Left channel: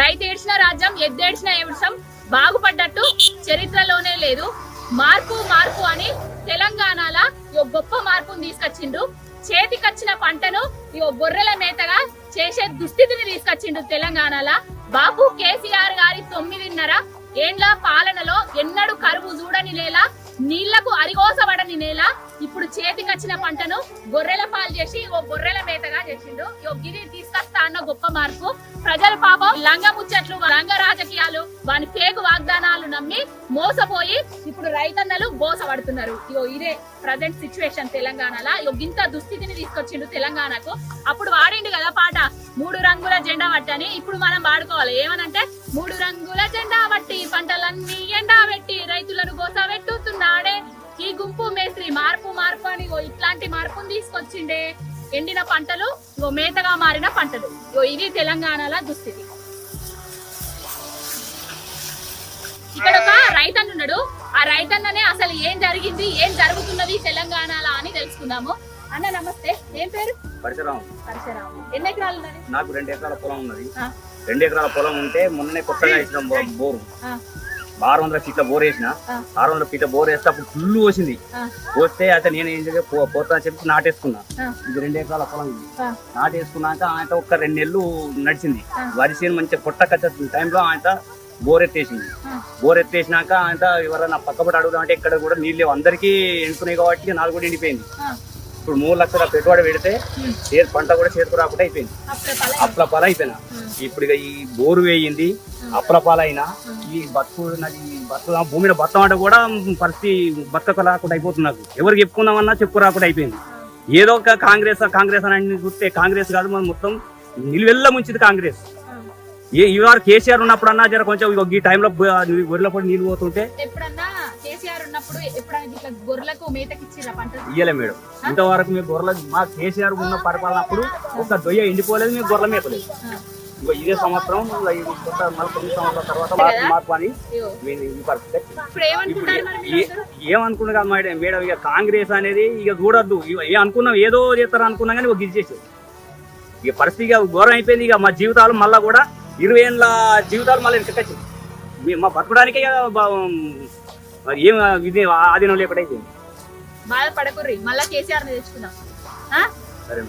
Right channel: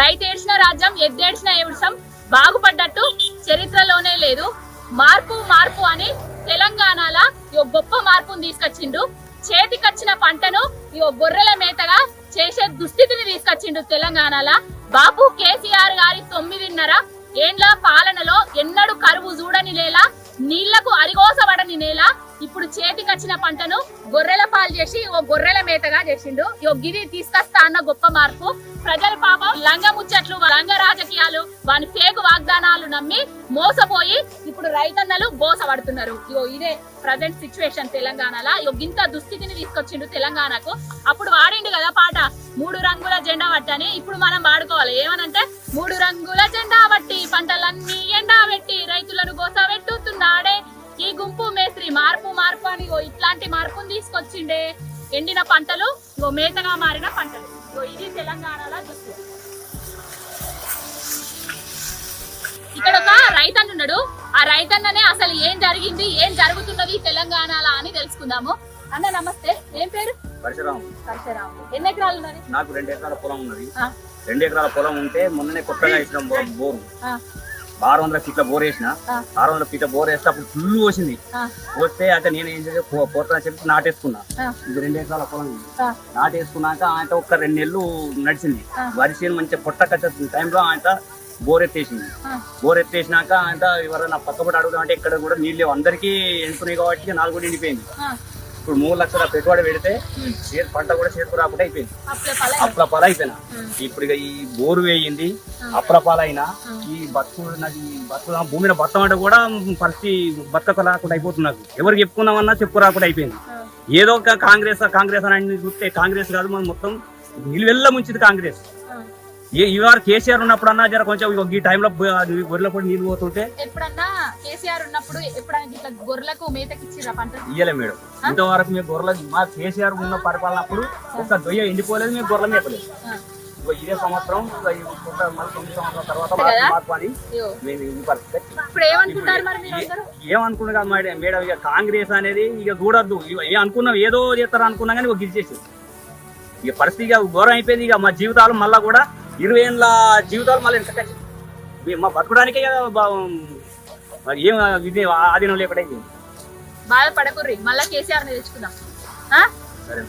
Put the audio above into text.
రైతు ఏడ్చిన రాజ్యం ఎద్దేడ్చిన ఏడ్చం బాగుపడ్డట్టు చరిత్రలోనే లేదు. మార్పు మార్పు అని తెలంగాణలో గొప్ప మార్పును తీసుకొచ్చిండు. చేతికొచ్చిన పంటను గొర్రెల మేతగా చేసే దుస్థితిని తీసుకొచ్చిండు తెలంగాణలో. బాపు కేసీఆర్ గారి 9.5 ఏండ్ల పాలనలో ఎన్నడూ కరువు చూడని నేల, నీళ్లకు అరిగోసబడని నేల ఇప్పుడు చేతికొచ్చిన పంటను గొర్రెల పాలు చేసి గొర్రెల మేతగా చేసిండు. గిరి తీసుకొస్తా అన్న గొప్ప మార్పు. ప్రజల పాపం లంగ ముచ్చట్లు, లంగ రాజకీయాలు, వాని ఫేక్ వాగ్దానాలు నమ్మి మోసపోయి ఇప్పుడు రైతన్నలు బోసపడుతున్నారు. ఇదే ప్రజెంట్ సిచ్యువేషన్ తెలంగాణలో. ఇంత దుస్థితిని తీసుకొచ్చిండు తెలంగాణకు. అప్పుడు వాడిండు కదా పాట 3 రంగుల జెండా పట్టని. ఇప్పుడు మనం వాడుకోవాలి ఏమనంటే 3 రంగుల జెండా పట్టి పంటలన్నీ ఎండా పెట్టి రైతులను గోస పెట్టుతున్నాడే ఈ గుంపు మేస్త్రి. మార్పు మార్పు అని ఇట్లాంటి మార్పును తీసుకొచ్చిండే. ఎండిన పంటలు మేతగా మారిన పంటలు. ఇది తెలంగాణలో దుస్థితి. ఇక్కడ ఒక రైతన్న ఉన్నాడు. ఆ రైతన్ననే అసలు ఏం జరిగింది, ఏం జరుగుతున్నది తెలంగాణలో అని తెలుసుకుందాము. అన్న నమస్తే, ఏం పేరు? పరశురాము. ఎన్ని ఎకరాలు ఉన్నది? నాకు 2 ఎకరాల పొలం ఉన్నది. 2 ఎకరాల పొలం ఉంటే మొన్ననే కొత్తగా వేసిన బోరు 600 ఫీట్ల బోర్ వేసిన. 600 ఫీట్ల బోర్ వేస్తే అప్పుడు ఫుల్ పోసింది. పోస్తే అంటే నేను ఏం చేసి పోతా చెప్పి నాటేసుకున్నా. ఇది 2 ఎకరాల పొలం నాటేసుకున్నాక ఆయన ఒక 2 నెలలు నడిచింది. వరి చేను మంచిగా పొట్ట కట్టే టైంలో ఆయన బోర్ ఎత్తేసింది. బోర్ ఎత్తేసినాక ఆయన ఎవరైనా పక్కపడి అడుగుదాం అంటే ఇక్కడ కూడా నీళ్ళు లేవు, అందరికీ ఎండుకున్నాయి కాబట్టి 4 కూడా ఎండిపోయింది. ఇప్పుడు 3 లక్షల పెట్టుబడి పెడితే పంట కూడా చేతికి రాకుండా అయిపోయింది. అప్పుల పాల అయిపోయినా. ఇప్పుడు ఇక ఈ బోరు వేయింది, అప్పుల పాలైనా ఈ నాకు ఈ భూమి మీద బతం అంటే కూడా పరిస్థితి బతక రాకుండా అయిపోతుంది. నాకు ఎవరికి చెప్పుకుందామన్నా చెప్పు రాకుండా అయిపోయింది. ఏదో ఒక కాంగ్రెస్ అని చూస్తే కాంగ్రెస్ కాదు, మనం మొత్తం నిలువెల్ల ముంచింది కాంగ్రెస్. ఇవాళ కేసీఆర్ ఉన్నప్పుడు అన్నా జర కొంచెం ఈ టైంలో గొర్రెల పొడి నీళ్ళు పోతుంటే ఎప్పుడన్నా కేసీఆర్ ఉన్నప్పుడు ఎప్పుడన్నా గొర్రెలకు మేతకిచ్చిరా పంట? ఇయ్యలే మేడం. ఇంతవరకు మేము గొర్రెల మా కేసీఆర్ ఉన్న పరిపాలన అప్పుడు ఒక దొయ్య ఎండిపోలేదు, మేము గొర్రెల మేపలేదు. ఇదే సంవత్సరం మళ్ళీ 9 సంవత్సరాల తర్వాత మార్పు అని ఏమనుకున్నా మేడం. ఇక కాంగ్రెస్ అనేది ఇక చూడొద్దు. అనుకున్నాం ఏదో చేస్తారు అనుకున్నా కానీ గిరిచేసి ఇక పరిస్థితి ఘోరం అయిపోయింది. ఇక మా జీవితాలు మళ్ళా కూడా 20 ఏళ్ళ జీవితాలు మళ్ళీ వెనకచ్చింది. మా బతకడానికే ఏం ఇది ఆధీనం లేకుండా అయిపోయింది. బాధపడకుర్రి, మళ్ళా కేసీఆర్ తెచ్చుకుందాం.